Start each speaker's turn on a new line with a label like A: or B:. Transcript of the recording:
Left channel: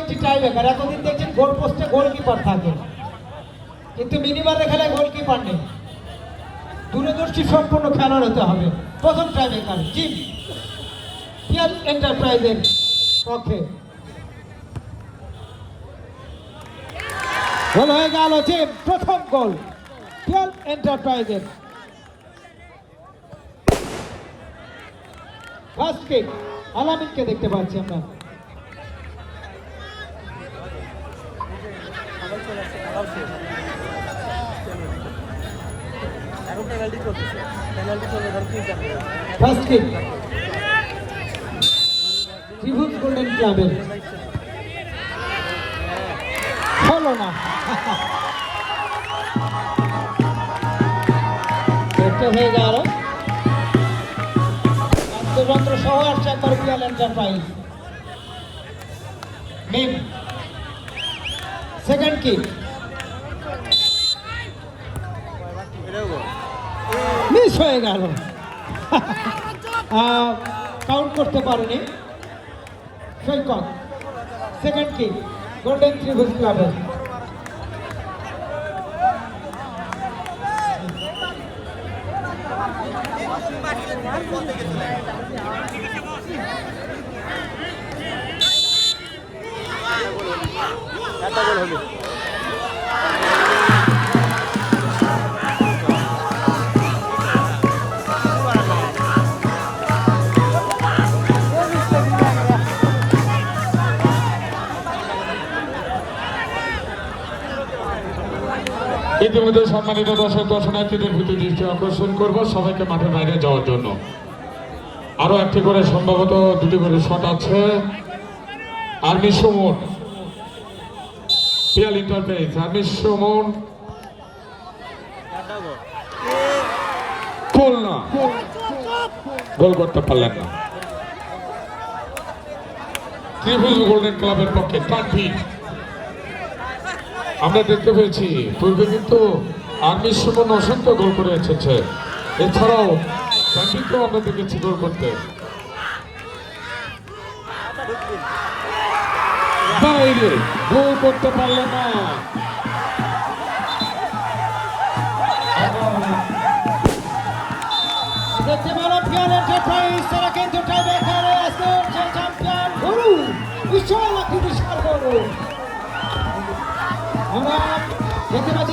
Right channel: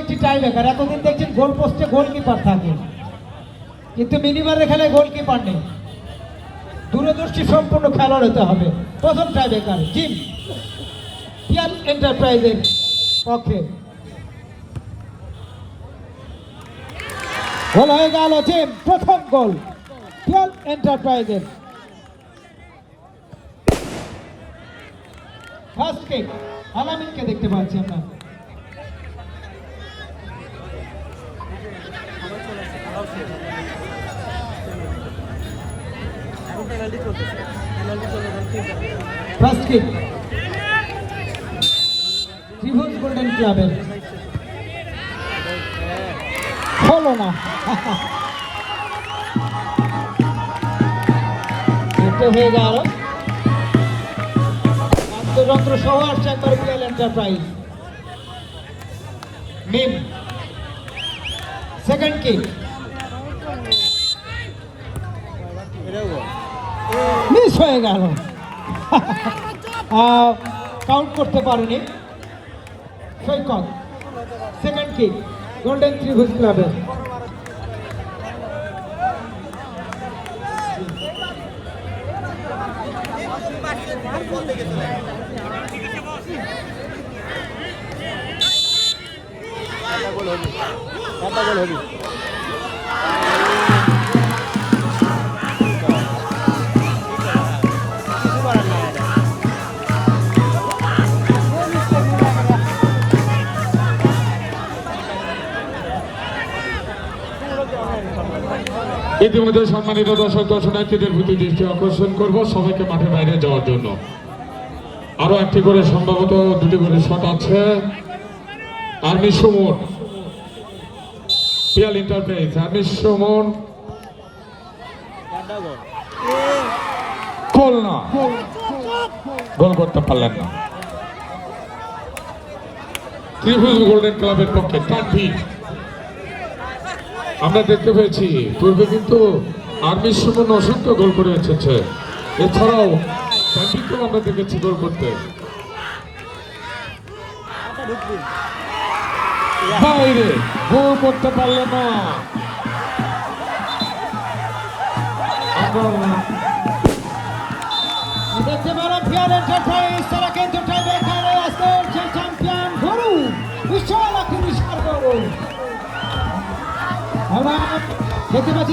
A: একটি টাই এতদিন দেখছেন গোল পোস্টে গোলকিপার থাকে। কিন্তু মিনিবারের খেলায় গোলকিপার নেই। দূরদর্শী সম্পূর্ণ খেলোয়াড় হতে হবে। প্রথম টাই ব্রেকার জিম পিয়াল এন্টারপ্রাইজের পক্ষে। প্রথম গোল। পিয়াল এন্টারপ্রাইজের ফার্স্ট কিক আলামিনকে দেখতে পাচ্ছি আমরা।
B: পেনাল্টি চলতেছে।
A: ফার্স্ট কিক ত্রিভুজ গোল্ডেন ক্লাবের হয়ে সেকেন্ড কিক হয়ে গেল। কাউন্ট করতে পারেনি। সৈকত সেকেন্ড কিক গোল্ডেন ত্রিভুজ ক্লাবের
B: একটা গোল
C: ইতিমধ্যে সম্মানিত দর্শক দর্শনার্থীদের প্রতি দৃষ্টি আকর্ষণ করব সবাইকে মাঠের বাইরে যাওয়ার জন্য। আরও একটি করে সম্ভবত দুটি করে শট আছে। Army Suman Piyal enterprise army Suman
B: goal
C: করতে পারলেন না। ত্রিভুজ গোল্ডেন ক্লাবের পক্ষে তাকবীর আমরা দেখতে পেয়েছি পূর্বে কিন্তু আর্মি সুমন অসংখ্য গোল করে এসেছে এছাড়াও তাকবীরকেও আমরা দেখেছি গোল করতে গোল
A: পারো